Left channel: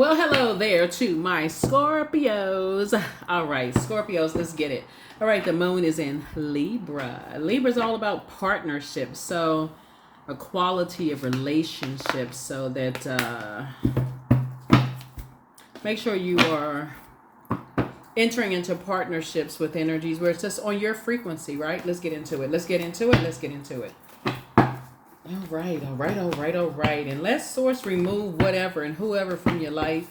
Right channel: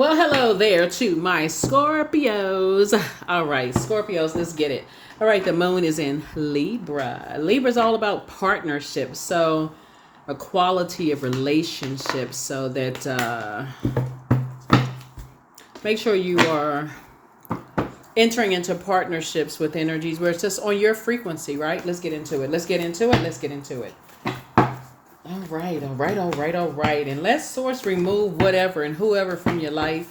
Well, hello there to my Scorpios. All right, Scorpios, let's get it. All right, the moon is in Libra. Libra is all about partnerships, so a quality of relationships, so that make sure you are entering into partnerships with energies where it's just on your frequency, right? Let's get into it. Let's get into it. Let's get into it. All right, all right, all right, all right. And let source remove whatever and whoever from your life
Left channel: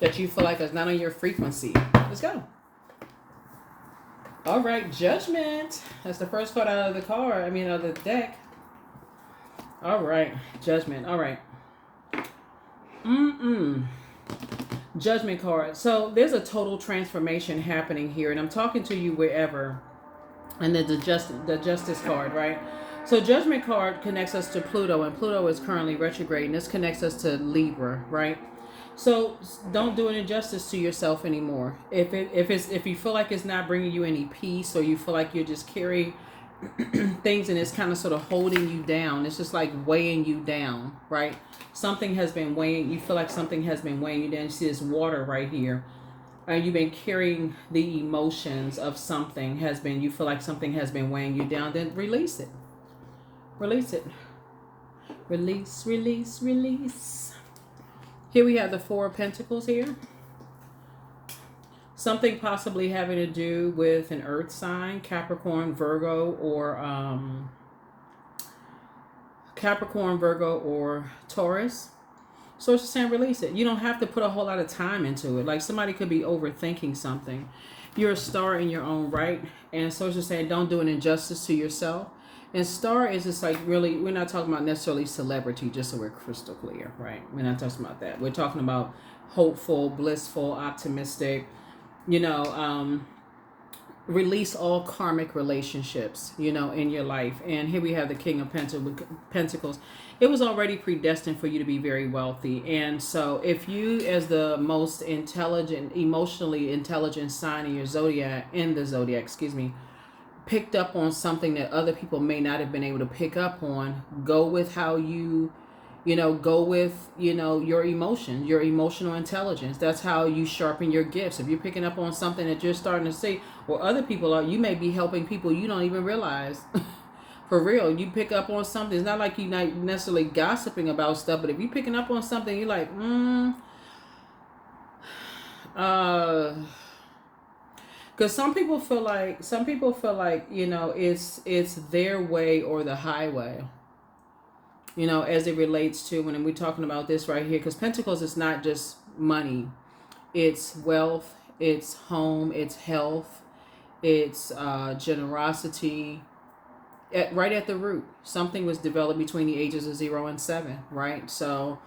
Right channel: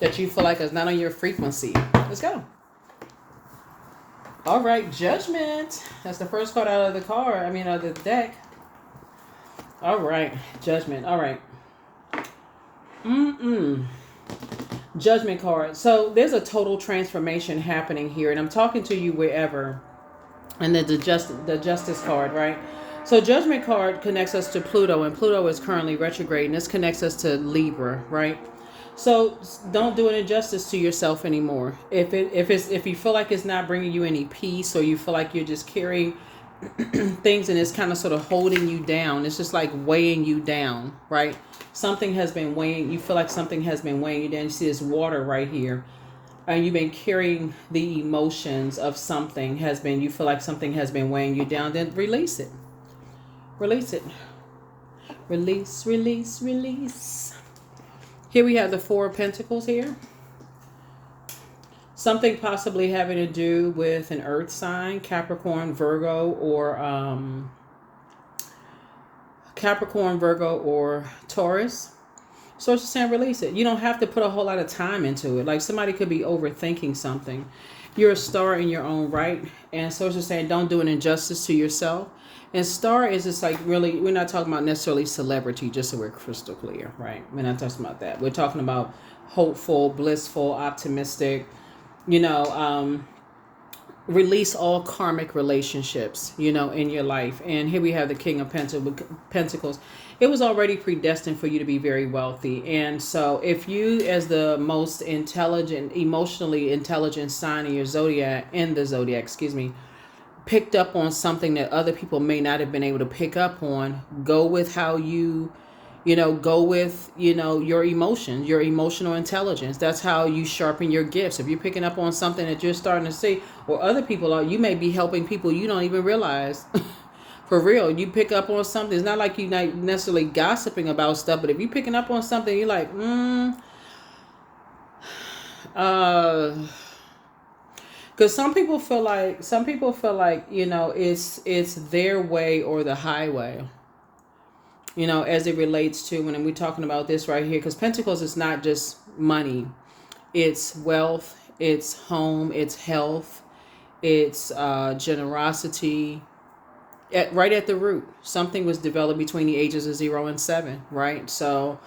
that you feel like is not on your frequency. Let's go. All right, judgment. That's the first card out of the card. Of the deck. All right, judgment. All right. Judgment card. So there's a total transformation happening here, and I'm talking to you wherever. And the justice card, right? So Judgment card connects us to Pluto, and Pluto is currently retrograde, and this connects us to Libra, right? So don't do an injustice to yourself anymore. If you feel like it's not bringing you any peace, or you feel like you're just carrying things and it's kind of sort of holding you down, it's just like weighing you down, right? Something has been weighing. You feel like something has been weighing you down. You see this water right here. And you've been carrying the emotions of something you feel like something has been weighing you down, then release it. Release it. Release, release, release. Here we have the Four of Pentacles here. Something possibly having to do with an earth sign, Capricorn, Virgo, or Taurus. So it's just saying release it. You don't have to put a whole lot of time into it. Like somebody could be overthinking something. You're a star in your own right. And so it's just saying don't do an injustice to yourself. And star is just like really, we're not talking about necessarily celebrity, just so we're crystal clear, right? We're not talking about that. We're talking about hopeful, blissful, optimistic, release all karmic relationships, in your life. And here we have the King of Pentacles. It was already predestined for you to be very wealthy. And so if you, as the most intelligent, emotionally intelligent sign in the zodiac, picked up on something that other people may not have been able to pick up on, go with how you go with, your emotions, your emotional intelligence. That's how you sharpen your gifts. If you're picking up on something that you're starting to see, or other people are, you may be helping people you don't even realize. For real, you pick up on something. It's not like you're not necessarily gossiping about stuff, but if you're picking up on something, you're like, because some people feel like, it's their way or the highway. As it relates to when we're talking about this right here, because Pentacles is not just money, it's wealth, it's home, it's health, it's generosity. Right at the root, something was developed between the ages of 0 and 7, right? So,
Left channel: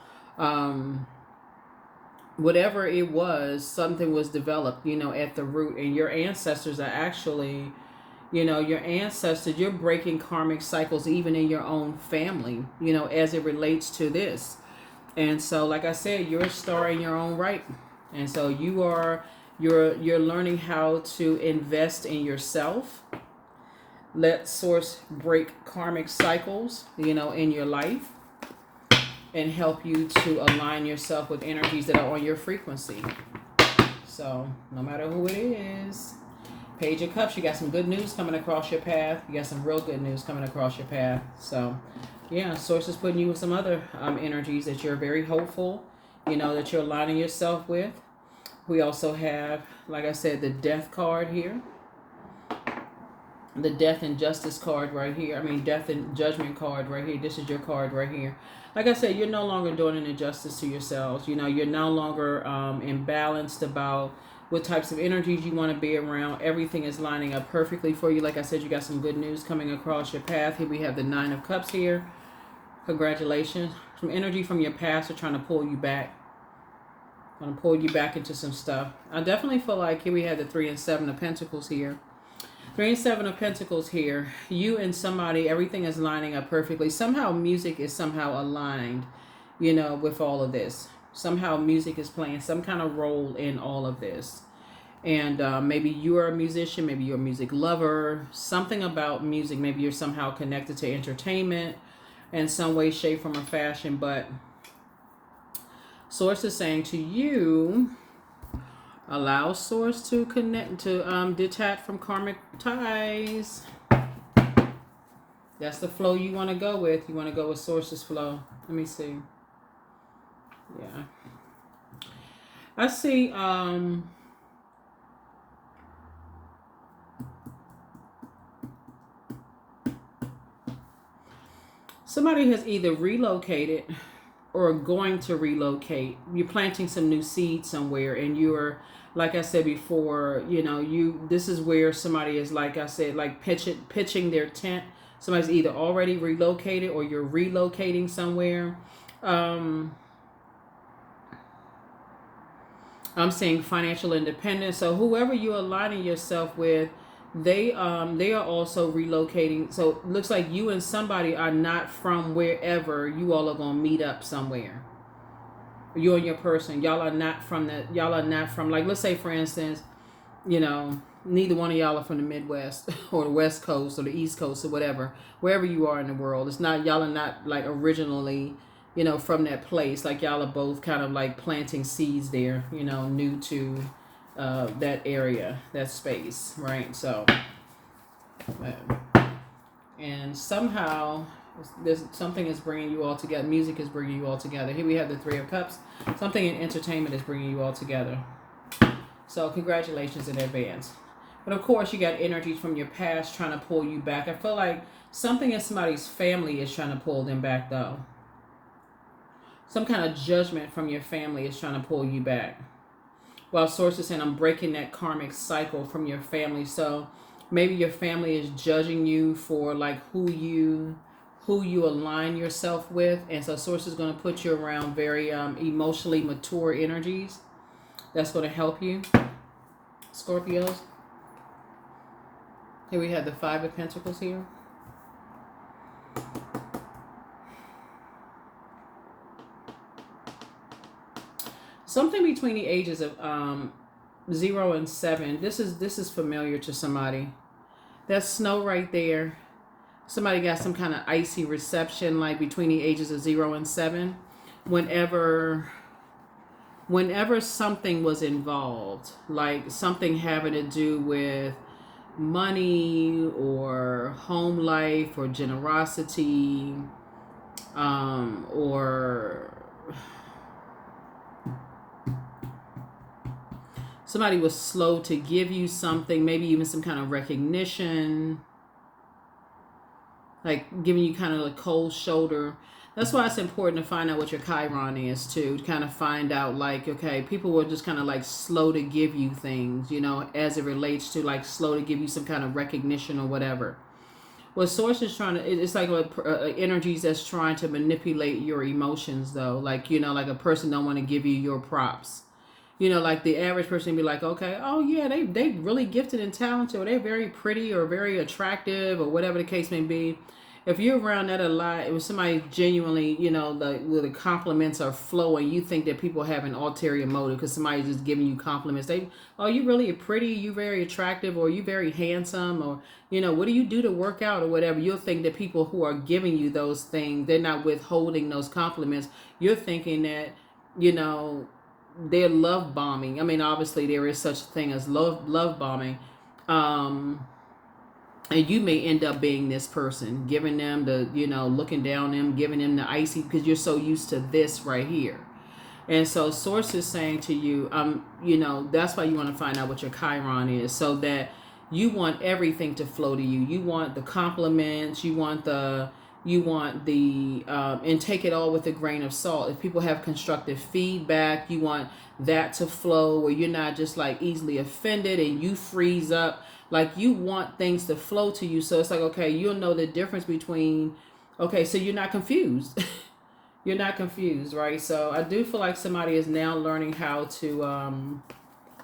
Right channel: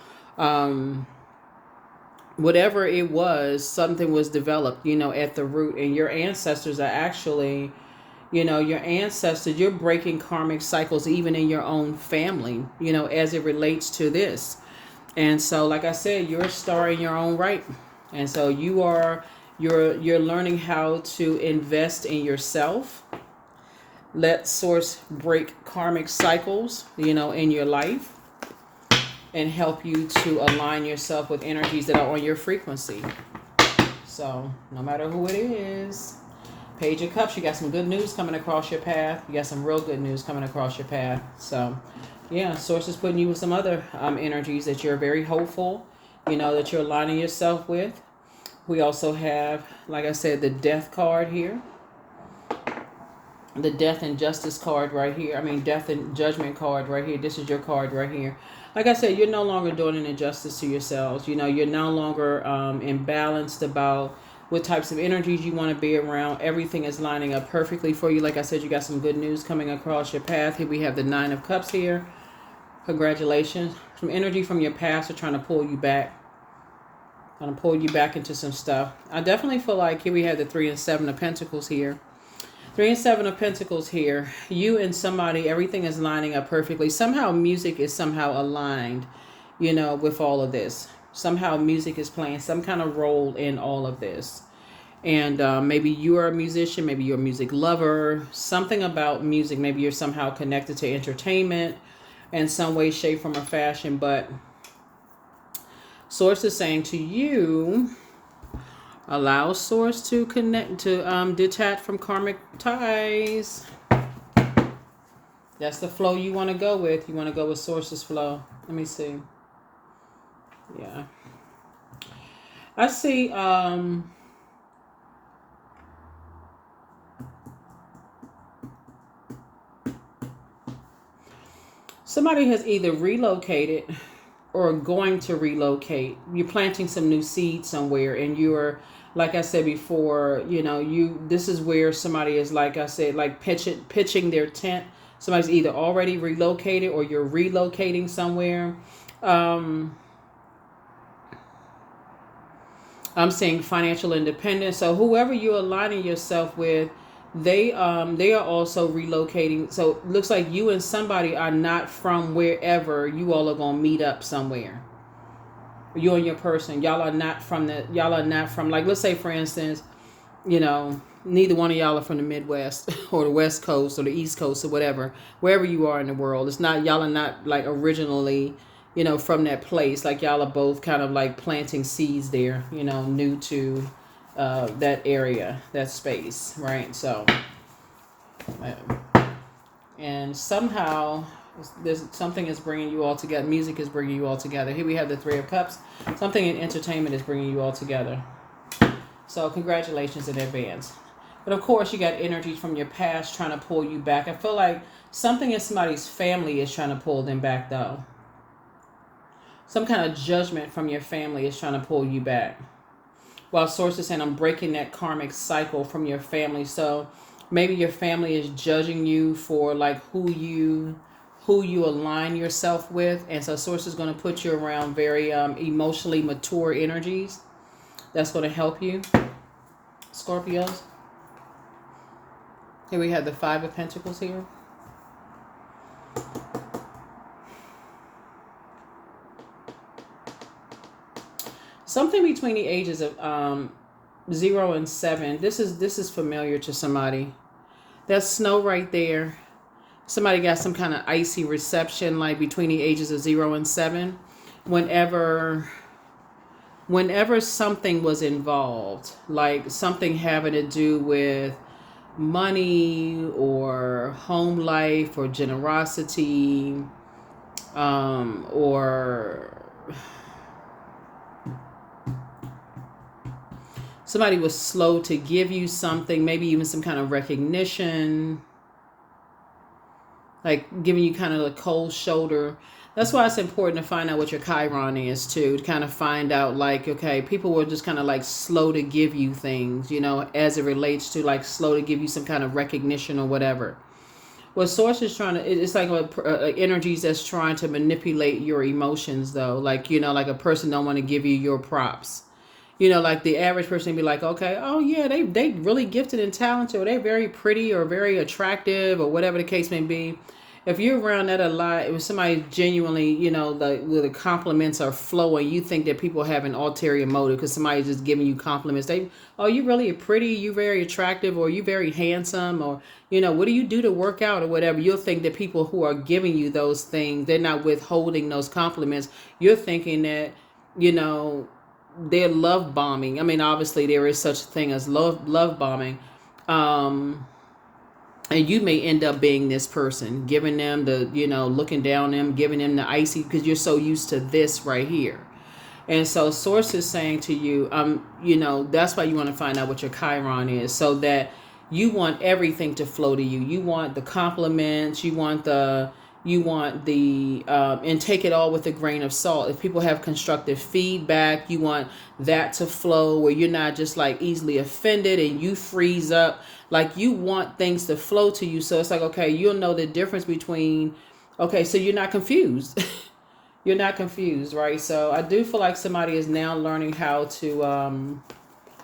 whatever it was, something was developed, at the root, and your ancestors are actually. You're breaking karmic cycles even in your own family, as it relates to this. And so, like I said, you're a star in your own right. And so you're learning how to invest in yourself. Let source break karmic cycles, in your life, and help you to align yourself with energies that are on your frequency. So no matter who it is, Page of Cups, you got some good news coming across your path. You got some real good news coming across your path. So, yeah, Source is putting you with some other energies that you're very hopeful, that you're aligning yourself with. We also have, like I said, the Death card here. The Death and Justice card right here. Death and Judgment card right here. This is your card right here. Like I said, you're no longer doing an injustice to yourselves. You're no longer imbalanced about what types of energies you want to be around. Everything is lining up perfectly for you. Like I said, you got some good news coming across your path. Here we have the Nine of Cups here. Congratulations. Some energy from your past are trying to pull you back. Trying to pull you back into some stuff. I definitely feel like here we have the 3 and 7 of Pentacles here. 3 and 7 of Pentacles here. You and somebody, everything is lining up perfectly. Somehow music is somehow aligned, with all of this. Somehow music is playing some kind of role in all of this. And maybe you're a musician, maybe you're a music lover, something about music. Maybe you're somehow connected to entertainment in some way, shape, form, or fashion. But Source is saying to you, allow source to connect, to detach from karmic ties. That's the flow you want to go with. You want to go with source's flow. Let me see. Yeah. I see somebody has either relocated or going to relocate. You're planting some new seeds somewhere, and you're, like I said before, this is where somebody is, like I said, like pitching their tent. Somebody's either already relocated or you're relocating somewhere. I'm seeing financial independence. So whoever you're aligning yourself with, they are also relocating. So it looks like you and somebody are not from wherever you all are gonna meet up somewhere. You and your person, y'all are not from like, let's say for instance, neither one of y'all are from the Midwest or the West Coast or the East Coast or whatever, wherever you are in the world. It's not, y'all are not like originally, from that place. Like y'all are both kind of like planting seeds there, new to that area, that space, right? So, and somehow there's something is bringing you all together. Music is bringing you all together. Here we have the Three of Cups. Something in entertainment is bringing you all together. So congratulations in advance. But of course, you got energies from your past trying to pull you back. I feel like something in somebody's family is trying to pull them back, though. Some kind of judgment from your family is trying to pull you back. Well, Source is saying, I'm breaking that karmic cycle from your family. So maybe your family is judging you for like who you align yourself with. And so Source is going to put you around very emotionally mature energies. That's going to help you, Scorpios. Here we have the Five of Pentacles here. Something between the ages of 0 and 7. This is familiar to somebody. That's snow right there. Somebody got some kind of icy reception, like between the ages of 0 and 7. Whenever something was involved, like something having to do with money or home life or generosity, or somebody was slow to give you something, maybe even some kind of recognition, like giving you kind of a cold shoulder. That's why it's important to find out what your Chiron is too, to kind of find out like, okay, people were just kind of like slow to give you things, as it relates to like slow to give you some kind of recognition or whatever. What Source is trying to, it's like energies that's trying to manipulate your emotions though. Like, like a person don't want to give you your props. Like the average person be like, okay, oh yeah, they really gifted and talented, or they're very pretty or very attractive or whatever the case may be. If you're around that a lot, if somebody genuinely, the compliments are flowing, you think that people have an ulterior motive because somebody's just giving you compliments. You really pretty, you very attractive, or you very handsome, or, what do you do to work out or whatever? You'll think that people who are giving you those things, they're not withholding those compliments. You're thinking that, they're love bombing. I mean, obviously there is such a thing as love bombing. And you may end up being this person, giving them the, looking down on them, giving them the icy, because you're so used to this right here. And so Source is saying to you, that's why you want to find out what your Chiron is, so that you want everything to flow to you. You want the compliments, you want the, and take it all with a grain of salt. If people have constructive feedback, you want that to flow where you're not just like easily offended and you freeze up. Like you want things to flow to you. So it's like, okay, you'll know the difference between, okay, so you're not confused. You're not confused, right? So I do feel like somebody is now learning how to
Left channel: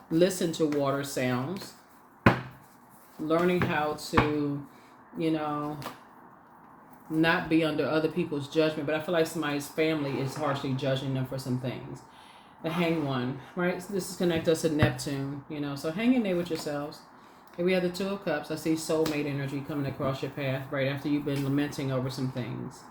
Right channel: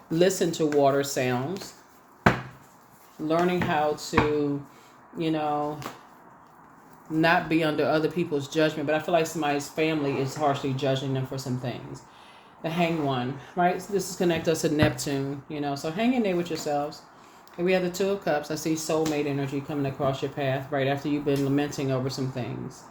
listen to water sounds, learning how to, not be under other people's judgment. But I feel like somebody's family is harshly judging them for some things. The Hanged One, right? So this is connect us to Neptune, so hang in there with yourselves. And we have the Two of Cups. I see soulmate energy coming across your path right after you've been lamenting over some things.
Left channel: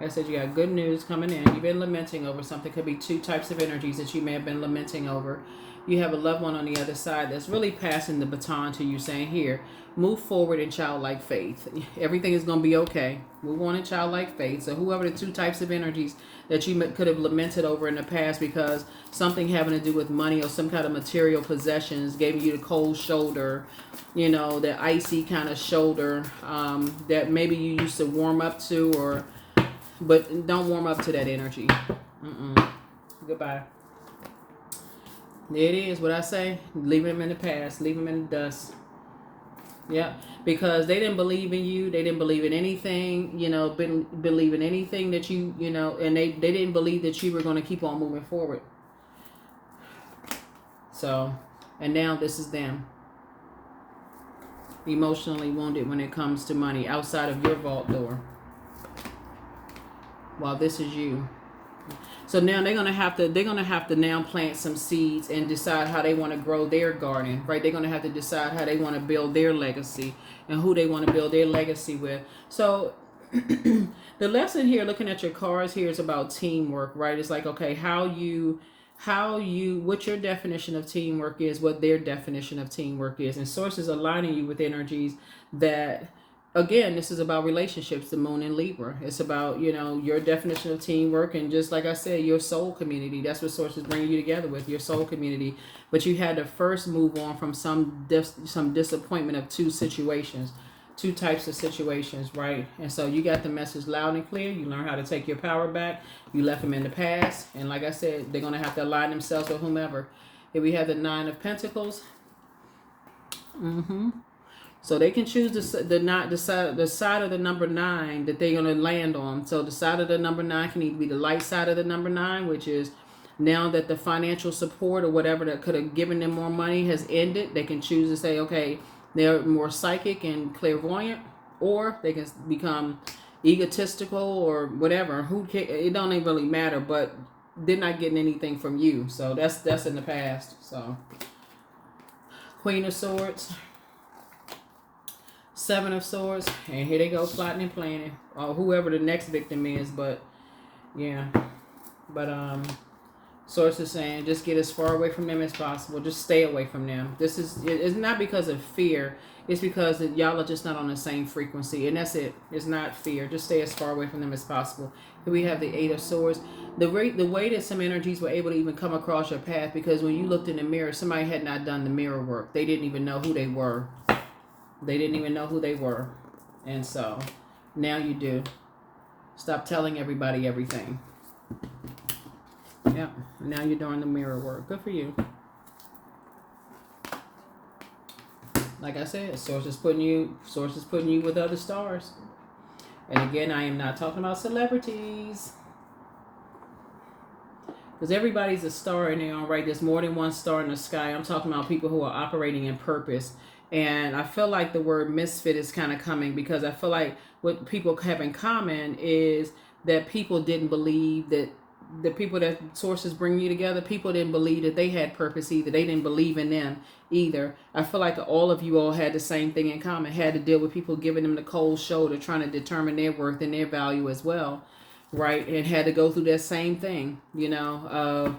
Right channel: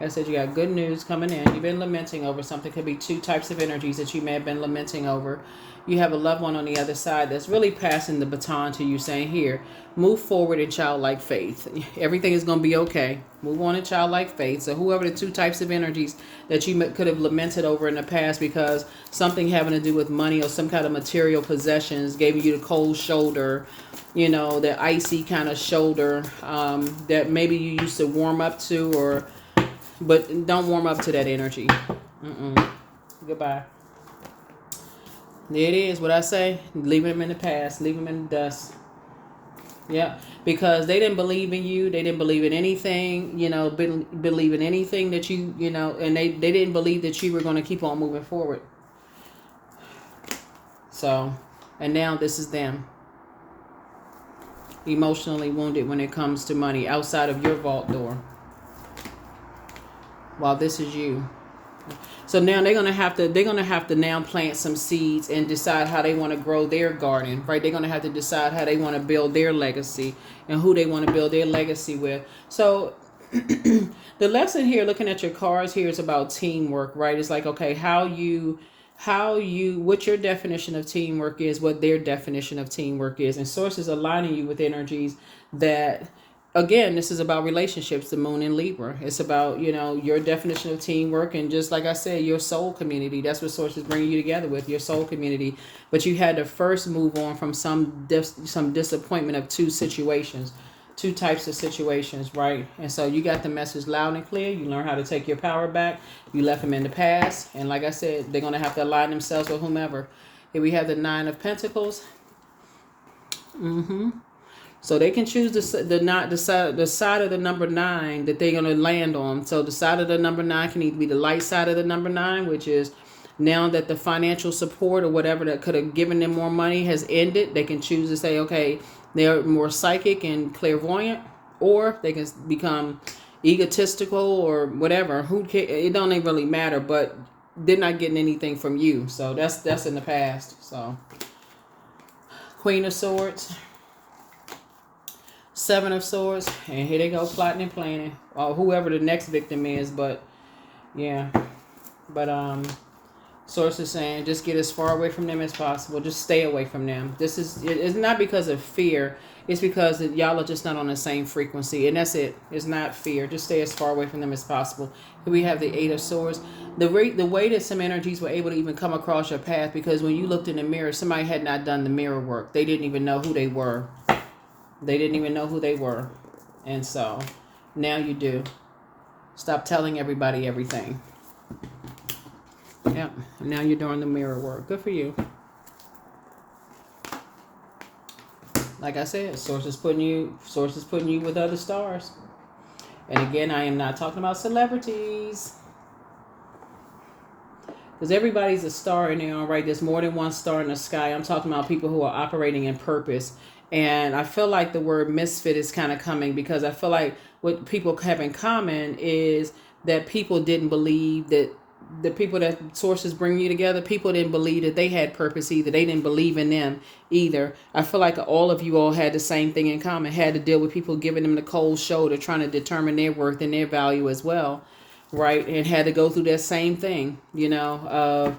I said you got good news coming in. You've been lamenting over something. Could be two types of energies that you may have been lamenting over. You have a loved one on the other side that's really passing the baton to you, saying, here, move forward in childlike faith. Everything is going to be okay. Move on in childlike faith. So whoever the two types of energies that you could have lamented over in the past because something having to do with money or some kind of material possessions gave you the cold shoulder, the icy kind of shoulder that maybe you used to warm up to, but don't warm up to that energy. Goodbye. There it is, what I say. Leave them in the past. Leave them in the dust. Yeah, because they didn't believe in you. They didn't believe in anything, believe in anything that and they didn't believe that you were going to keep on moving forward. So, and now this is them. Emotionally wounded when it comes to money outside of your vault door. While this is you. So now they're gonna have to now plant some seeds and decide how they want to grow their garden, right? They're gonna have to decide how they want to build their legacy and who they want to build their legacy with. So the lesson here, looking at your cards here, is about teamwork, right? It's like, okay, what your definition of teamwork is, what their definition of teamwork is, and source is aligning you with energies that. Again, this is about relationships, the moon in Libra. It's about, your definition of teamwork. And just like I said, your soul community. That's what Source is bringing you together with, your soul community. But you had to first move on from some disappointment of two types of situations, right? And so you got the message loud and clear. You learn how to take your power back. You left them in the past. And like I said, they're going to have to align themselves with whomever. Here we have the Nine of Pentacles. So they can choose the side of the number 9 that they're going to land on. So the side of the number 9 can either be the light side of the number 9, which is now that the financial support or whatever that could have given them more money has ended. They can choose to say, okay, they're more psychic and clairvoyant, or they can become egotistical or whatever. It don't even really matter, but they're not getting anything from you. So that's in the past. So Queen of Swords. Seven of Swords, and here they go plotting and planning, or whoever the next victim is. But Source is saying just get as far away from them as possible. Just stay away from them. It's not because of fear. It's because y'all are just not on the same frequency, and that's it. It's not fear. Just stay as far away from them as possible. Here we have the Eight of Swords. The way that some energies were able to even come across your path, because when you looked in the mirror, somebody had not done the mirror work. They didn't even know who they were. And so now you do. Stop telling everybody everything. Yep. Now you're doing the mirror work. Good for you. Like I said, Source is putting you with other stars. And again, I am not talking about celebrities. Because everybody's a star in their own right. There's more than one star in the sky. I'm talking about people who are operating in purpose. And I feel like the word misfit is kind of coming, because I feel like what people have in common is that people didn't believe that the people that sources bring you together, people didn't believe that they had purpose either. They didn't believe in them either. I feel like all of you all had the same thing in common, had to deal with people giving them the cold shoulder, trying to determine their worth and their value as well, right? And had to go through that same thing, of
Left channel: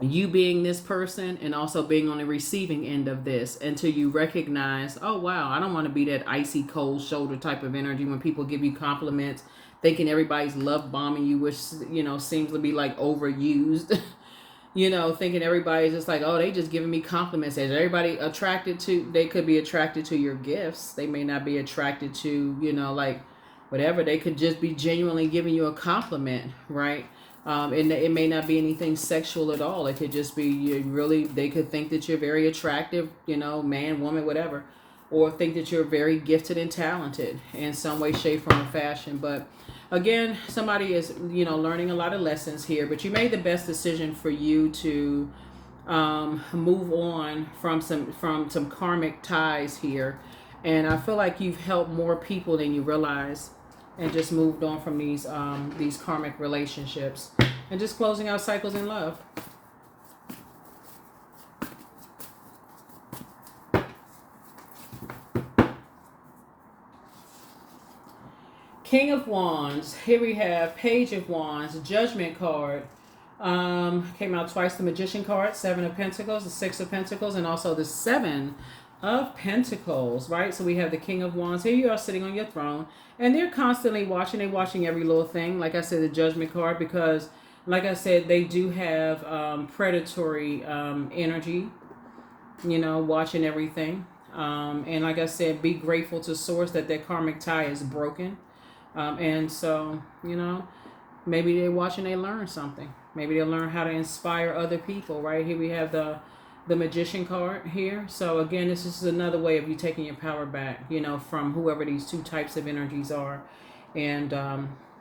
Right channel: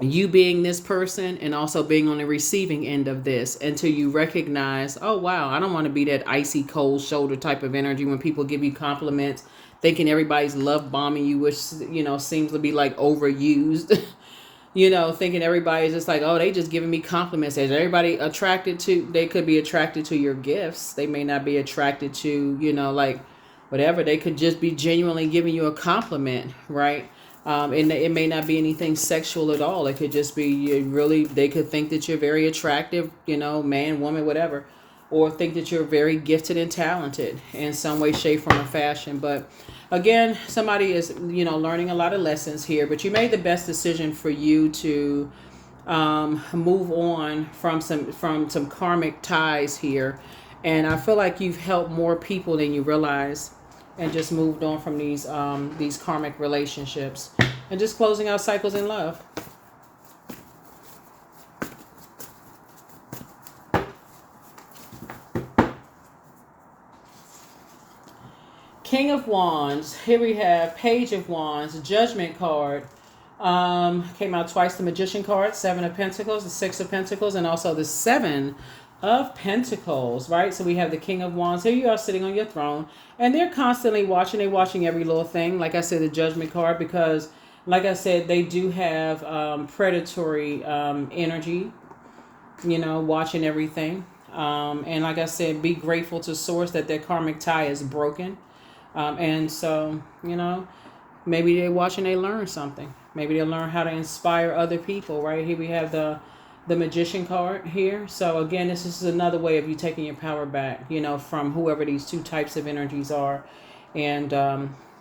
you being this person and also being on the receiving end of this, until you recognize, oh wow, I don't want to be that icy cold shoulder type of energy when people give you compliments, thinking everybody's love bombing you, which seems to be like overused. Thinking everybody's just like, oh, they just giving me compliments. Is everybody attracted to? They could be attracted to your gifts. They may not be attracted to like whatever. They could just be genuinely giving you a compliment, right? And it may not be anything sexual at all. It could just be they could think that you're very attractive, man, woman, whatever, or think that you're very gifted and talented in some way, shape, form, or fashion. But again, somebody is, learning a lot of lessons here, but you made the best decision for you to move on from some karmic ties here. And I feel like you've helped more people than you realize, and just moved on from these karmic relationships, and just closing out cycles in love. King of Wands. Here we have Page of Wands, Judgment card. Came out twice, the Magician card, Seven of Pentacles, the Six of Pentacles, and also the Seven of Pentacles, right? So we have the King of Wands. Here you are sitting on your throne, and they're constantly watching. They're watching every little thing. Like I said, the Judgment card, because, like I said, they do have predatory energy, you know, watching everything. And like I said, be grateful to Source that their karmic tie is broken. And so, you know, maybe they watch and they learn something. Maybe they learn how to inspire other people, right? Here we have the Magician card here. So again, this is another way of you taking your power back, you know, from whoever these two types of energies are. And,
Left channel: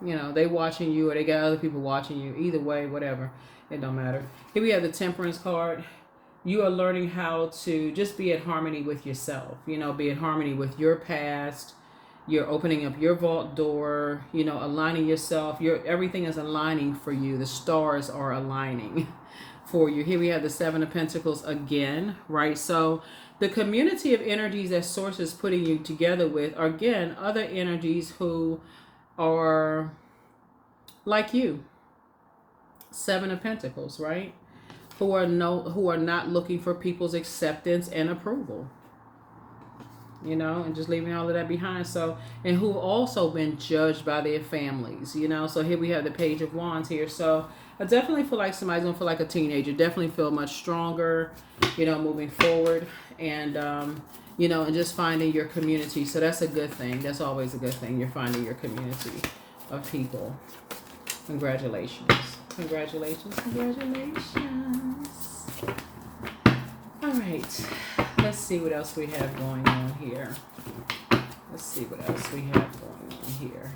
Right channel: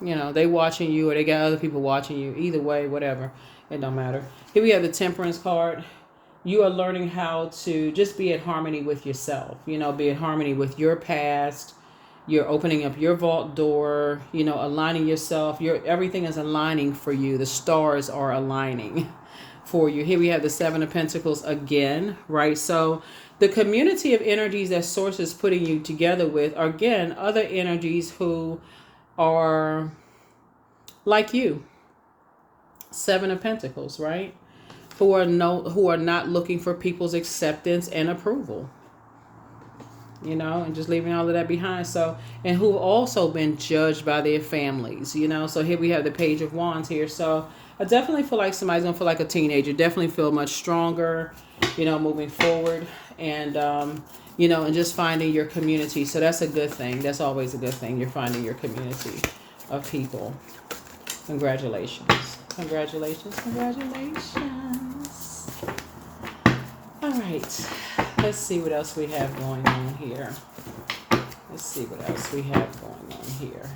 you know, they watching you or they got other people watching you. Either way, whatever. It don't matter. Here we have the Temperance card. You are learning how to just be at harmony with yourself, you know, be at harmony with your past. You're opening up your vault door, you know, aligning yourself. Everything is aligning for you. The stars are aligning for you. Here we have the Seven of Pentacles again, right? So the community of energies that Source is putting you together with are, again, other energies who are like you. Seven of Pentacles, right? Who are not looking for people's acceptance and approval. You know, and just leaving all of that behind. So, and who've also been judged by their families, you know. So here we have the Page of Wands here. So I definitely feel like somebody's gonna feel like a teenager. Definitely feel much stronger, you know, moving forward. And you know, and just finding your community. So that's a good thing. That's always a good thing. You're finding your community of people. Congratulations. Congratulations. Congratulations. All right. Let's see what else we have going on here. Let's see what else we have going on here.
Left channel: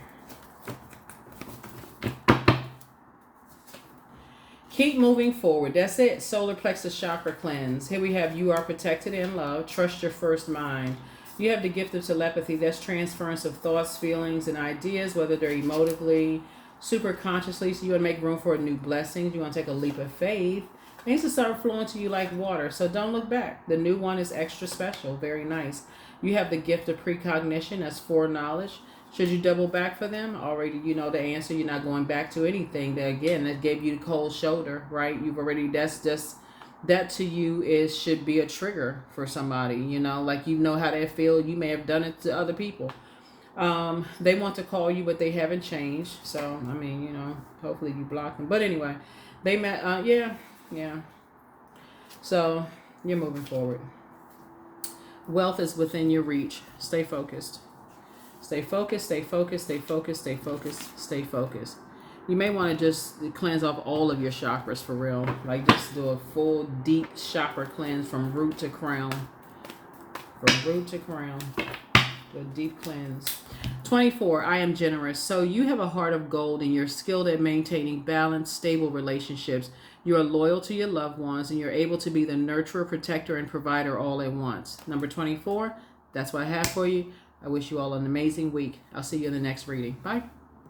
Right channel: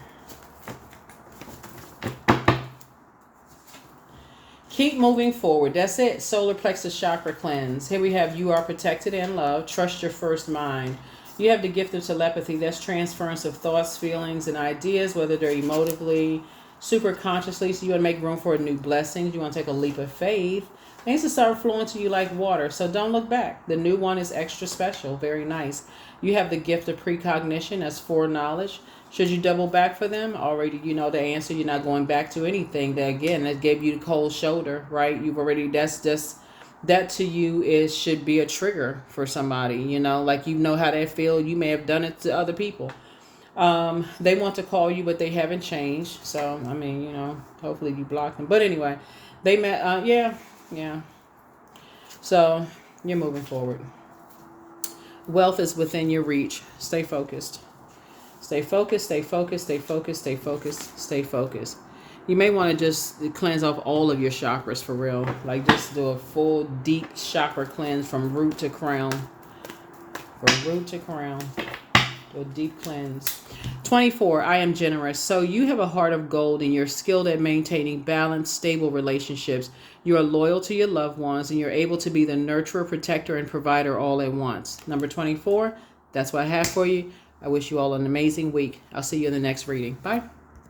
Keep moving forward. That's it. Solar plexus chakra cleanse. Here we have you are protected and loved. Trust your first mind. You have the gift of telepathy. That's transference of thoughts, feelings, and ideas, whether they're emotively, super consciously. So you want to make room for new blessings. You want to take a leap of faith. Things will start flowing to you like water. So don't look back. The new one is extra special. Very nice. You have the gift of precognition. That's foreknowledge. Should you double back for them? Already you know the answer. You're not going back to anything. That again, that gave you the cold shoulder, right? You've already, that's just, that to you should be a trigger for somebody. You know, like you know how they feel. You may have done it to other people. They want to call you, but they haven't changed. So, I mean, you know, hopefully you block them. But anyway, they met, yeah. So you're moving forward. Wealth is within your reach. Stay focused. Stay focused, stay focused, stay focused, stay focused, stay focused. You may want to just cleanse off all of your chakras for real. Like just do a full deep chakra cleanse from root to crown. From root to crown. Do a deep cleanse. 24, I am generous. So you have a heart of gold and you're skilled at maintaining balanced, stable relationships. You are loyal to your loved ones and you're able to be the nurturer, protector, and provider all at once. Number 24, that's what I have for you. I wish you all an amazing week. I'll see you in the next reading. Bye.